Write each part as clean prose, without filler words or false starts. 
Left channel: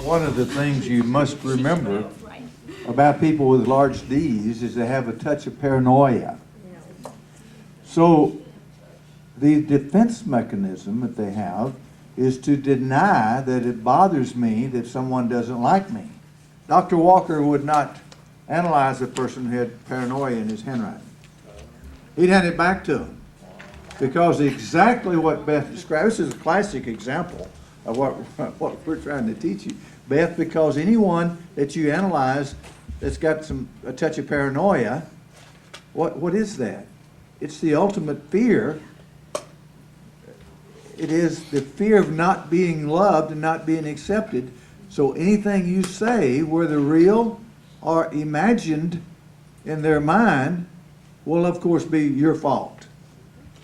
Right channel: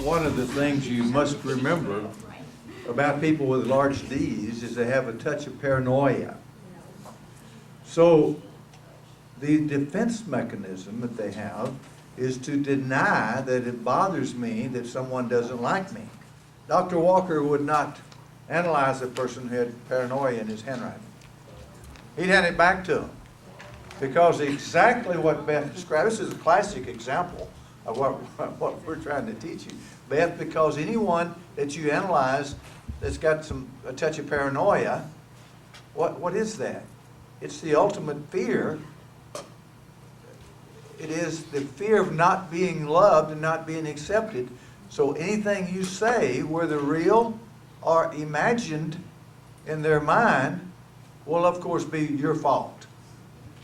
One of the things you must remember about people with large D's is they have a touch of paranoia. So the defense mechanism that they have is to deny that it bothers me that someone doesn't like me. Dr. Walker would not analyze a person who had paranoia in his handwriting. He'd hand it back to him because exactly what Beth described, this is a classic example of what we're trying to teach you, Beth, because anyone that you analyze that's got a touch of paranoia, what is that? It's the ultimate fear. It is the fear of not being loved and not being accepted. So anything you say, whether real or imagined in their mind, will of course be your fault,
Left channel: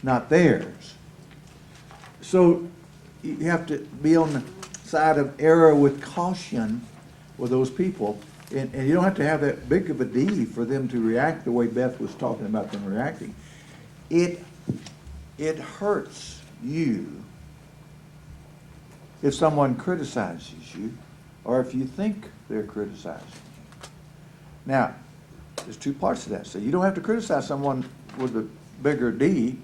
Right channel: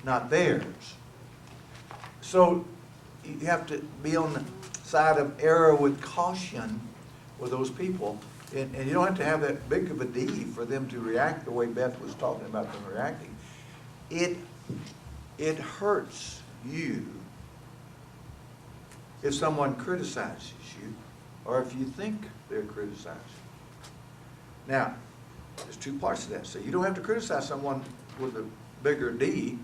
not theirs. So you have to be on the side of error with caution with those people. And you don't have to have that big of a D for them to react the way Beth was talking about them reacting. It hurts you if someone criticizes you or if you think they're criticizing you. Now, there's two parts to that. So you don't have to criticize someone with a bigger D.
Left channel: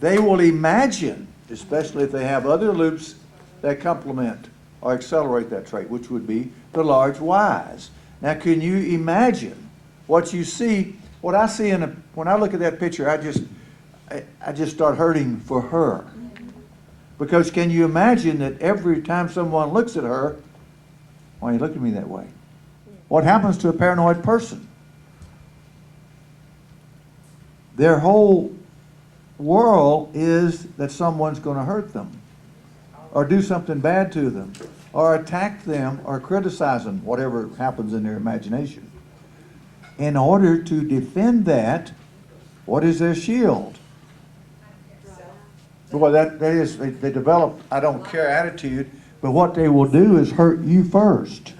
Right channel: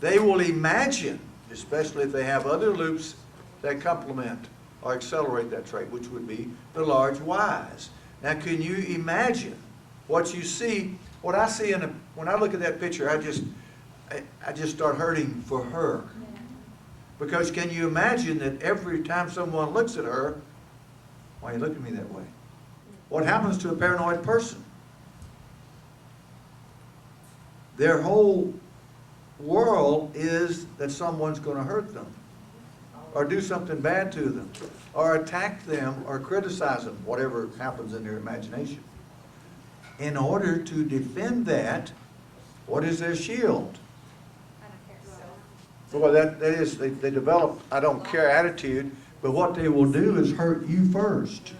They will imagine, especially if they have other loops that complement or accelerate that trait, which would be the large Y's. Now, can you imagine what you see? What I see when I look at that picture, I just start hurting for her. Because can you imagine that every time someone looks at her, why are you looking at me that way? What happens to a paranoid person? Their whole world is that someone's going to hurt them or do something bad to them or attack them or criticize them, whatever happens in their imagination. In order to defend that, what is their shield? Boy, that is, they develop I don't care attitude, but what they will do is hurt you first.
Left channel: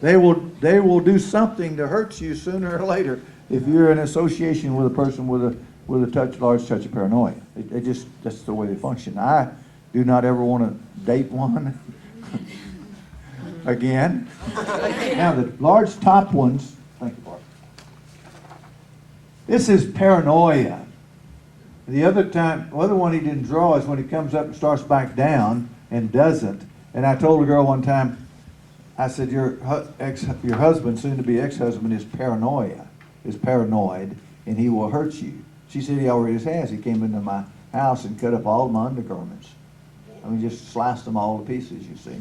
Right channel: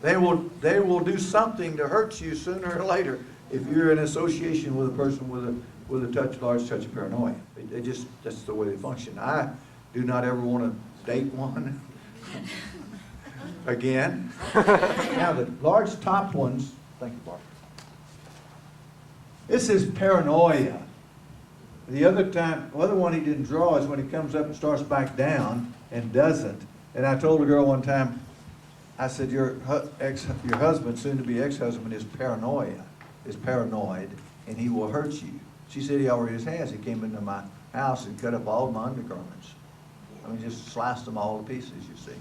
They will do something to hurt you sooner or later if you're in association with a person with a large touch of paranoia. That's the way they function. I do not ever want to date one again. Now the large top ones, thank you, Bart. This is paranoia. The other one he didn't draw is when he comes up and starts back down and doesn't. And I told a girl one time, I said, your husband, soon-to-be ex-husband, is paranoid, and he will hurt you. She said he already has. He came into my house and cut up all my undergarments. I mean, just sliced them all to pieces, you see.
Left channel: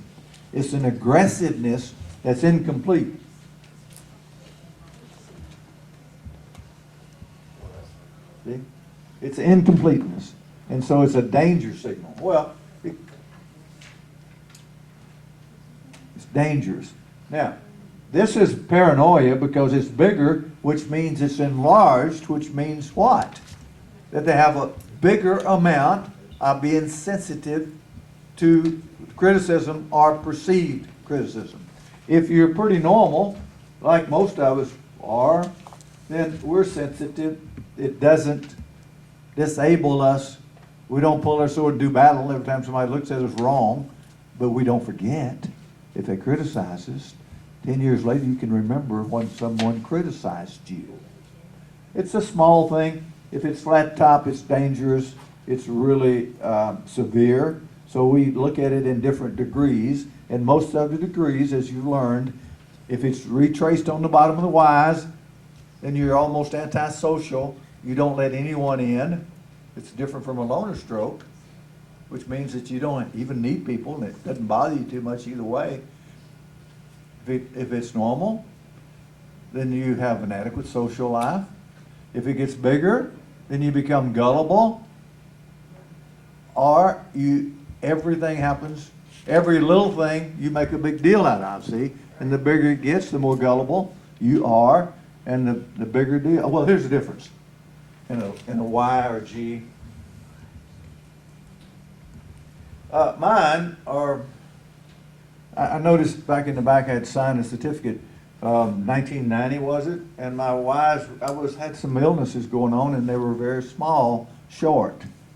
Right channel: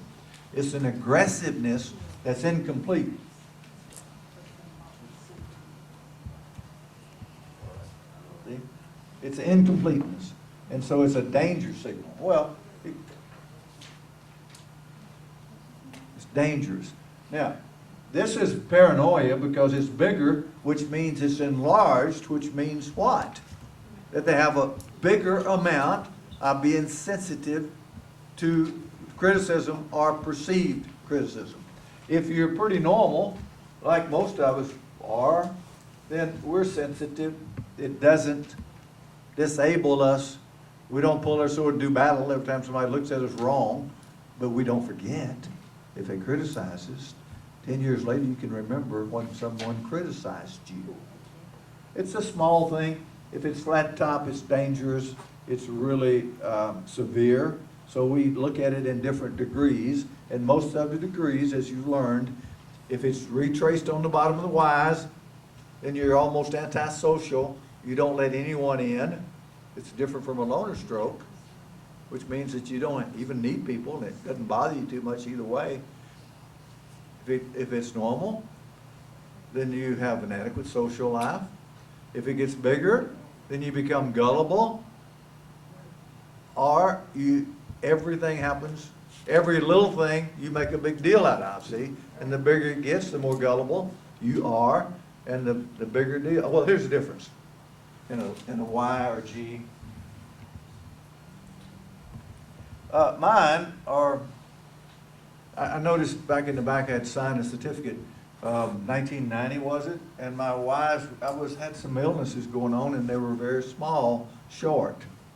It's an aggressiveness that's incomplete. See? It's incompleteness. And so it's a danger signal. Well, it's dangerous. Now, this is paranoia because it's bigger, which means it's enlarged, which means what? That they have a bigger amount of being sensitive to criticism or perceived criticism. If you're pretty normal, like most of us are, then we're sensitive. It doesn't disable us. We don't pull our sword and do battle every time somebody looks at us wrong, but we don't forget. If they criticize us, 10 years later you can remember when someone criticized you. It's a small thing. If it's flat top, it's dangerous. It's really severe. So we look at it in different degrees, and most of the degrees, as you learned, if it's retraced on the bottom of the Y's, then you're almost antisocial. You don't let anyone in. It's different from a loner stroke, which means that you don't even need people, and it doesn't bother you too much either way. If it's normal, then you have an adequate social life. If it gets bigger, then you become gullible, or everything happens, every little thing you make a big deal out of, see? And the bigger it gets, the more gullible you are, and the bigger deal. Well, here's the difference in a Y or G. Mine are, I noticed back in the back I had signed a certificate. 1990 was it? And my wives, had some illnesses going on, and they were very small, short.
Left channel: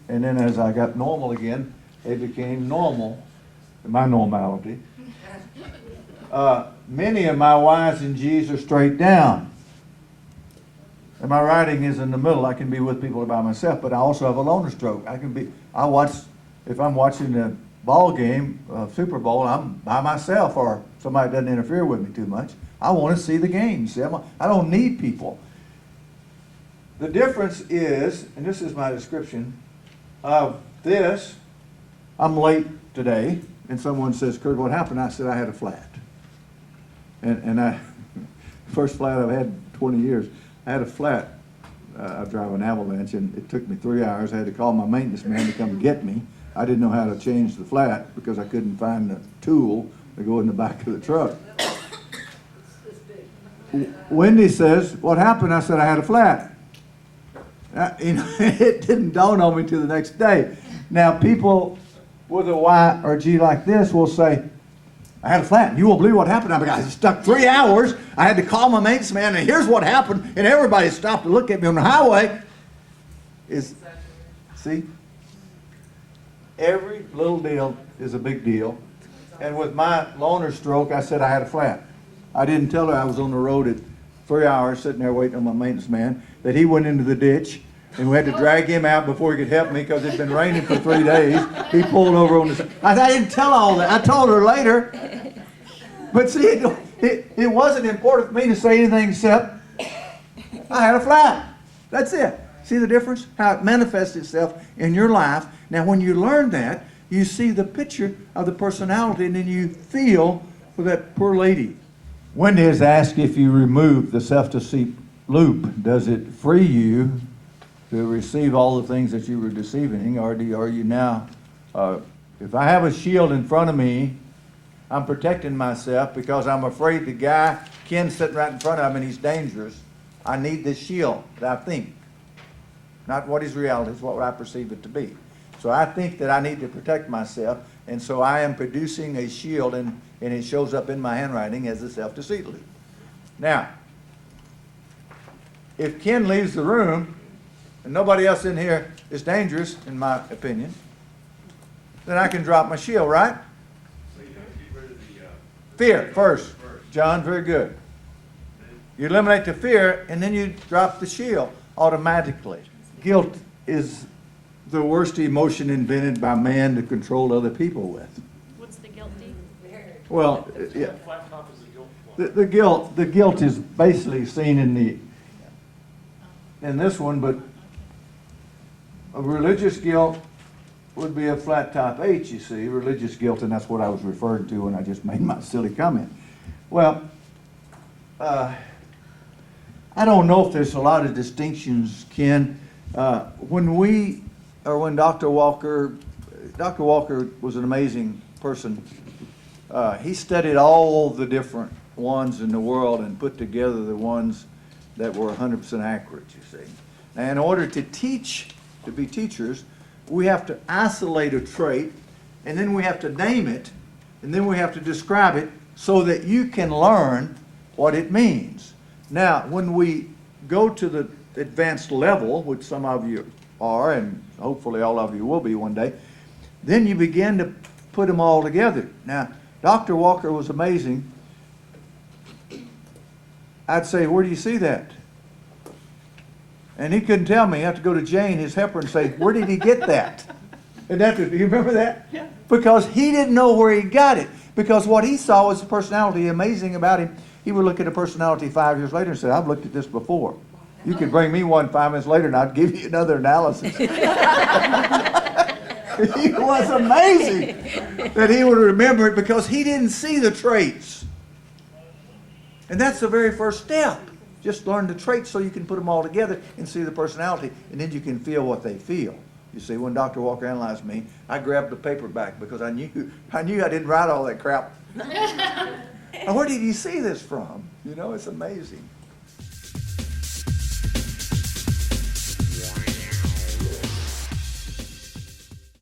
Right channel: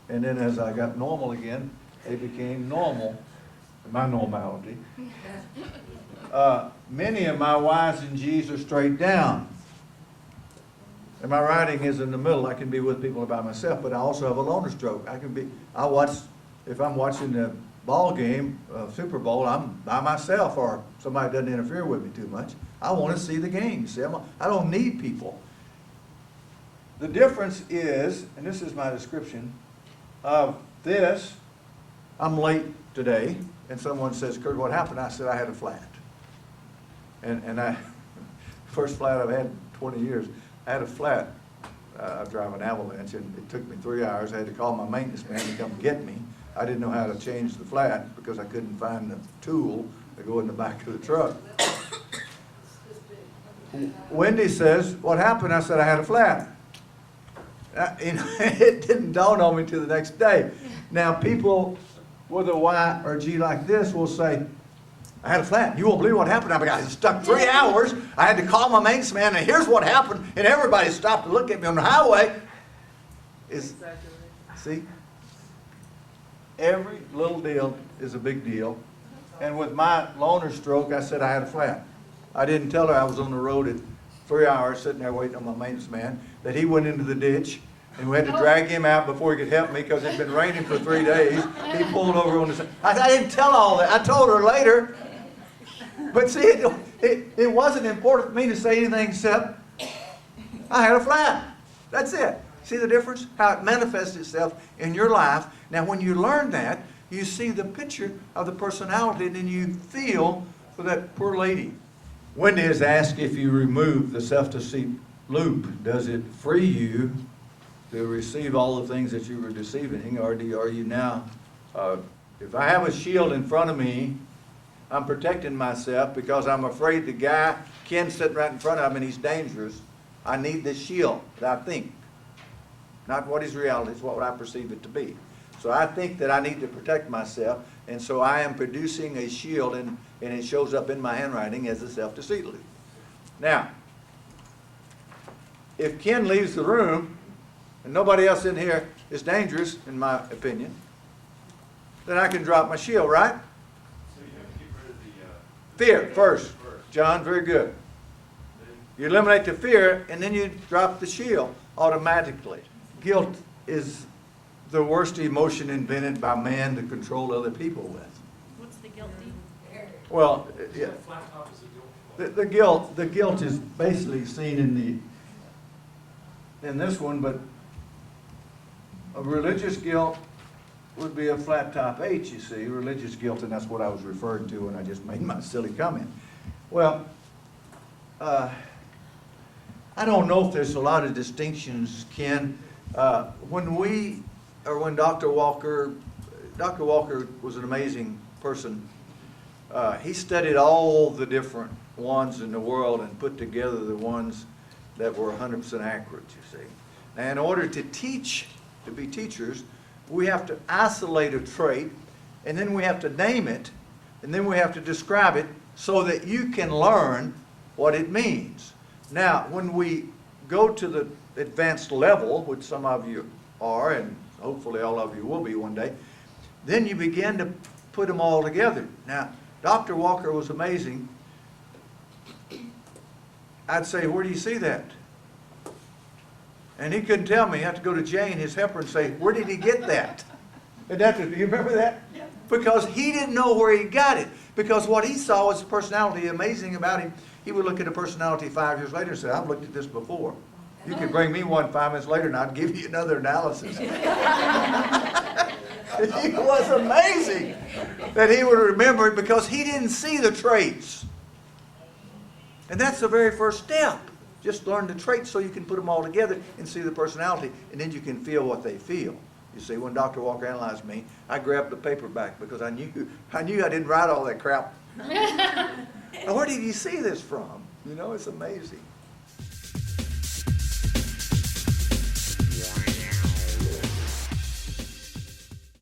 And then as I got normal again, they became normal, my normality. Many of my Y's and G's are straight down. And my writing is in the middle. I can be with people by myself, but I also have a loner stroke. If I'm watching the ball game, Super Bowl, I'm by myself or somebody doesn't interfere with me too much. I want to see the game. See, I don't need people. The difference is, and this is my description of this, I'm late today, and someone says, Curt, what happened? I said, I had a flat. And first flat I've had in 20 years. I had a flat. I drive an Avalanche, and it took me 3 hours. I had to call my maintenance man to come get me. I didn't know how to change the flat because I couldn't find the tool to go in the back of the truck. Wendy says, what happened? I said, I had a flat. It didn't dawn on me till the next day. Now, people with a Y or G like this will say, I had a flat. You won't believe what happened. I was stuck 3 hours. I had to call my maintenance man, and here's what happened. And everybody stopped to look at me on the highway. See? Every little deal is a big deal. And with my loner stroke, I said I had a flat. I didn't tell her I was on the road at 3 hours sitting there waiting on my maintenance man, that he went into the ditch, and we had to drag him out before he could help me because it had been raining for 3 days. He pulled over on the side. I didn't tell all that. I told her later. But see, it wasn't important for me to say anything except I had a flat. That's it. See the difference? How it manifests itself in your life. Now, when you learn that, you see the picture of the personality, and then you feel for that poor lady. Wendy has asked, if you remove the self-deceit loop, does it free you to receive all the things that you were deceiving, or are you now, if I have a shield in front of me, I'm protecting myself because I'm afraid the guy, Ken's sitting right in front of me and he's dangerous. I need this shield that I think. Not what is reality, it's what I perceive it to be. So I think that I need to protect myself, and so I am producing a shield, and it shows up in my handwriting as a self-deceit loop. Now, if Ken leaves the room, and nobody else in here is dangerous, in my opinion, then I can drop my shield, right? So you have to keep rid of the fear first. John, very good. You eliminate the fear, and then you drop the shield automatically. Guilt is the worst emotion invented by man to control other people with. Well, yeah. flat top is the guilt. The guilt is basically seen in this one, but a religious guilt would be a flat top H, you see, religious guilt, and that's what I was referring to when I just made my silly comment. Well, I don't know if there's a lot of distinctions, Ken. When Dr. Walker was an amazing person. He studied all the different ones in the world and put together the ones that were 100% accurate, you see. Now, in order to be teachers, we have to isolate a trait, and then we have to name it, and then we have to describe it so that you can learn what it means. Now, when we go to the advanced level, which some of you are, and hopefully all of you will be one day, then you begin to put them all together. Now, Dr. Walker was amazing. I'd say, where do you see that? And he couldn't tell me. I had to go to Jane, his helper, and say, where did he get that? And do you remember that? Yeah. Because he didn't know where he got it. Because what he saw was the personality amazing about him. He would look at a personality 5 years later and say, I've looked at this before. You could bring me one 5 minutes later and I'd give you another analysis. It was amazing that he would remember it because he didn't see the traits. And that's the very first step. Just learn the traits so you can put them all together and see the personality, and then you can feel what they feel. You see, when Dr. Walker analyzed me, I grabbed the paper back because I knew I didn't write all that crap. Now, where did he see this from? You know, it's amazing.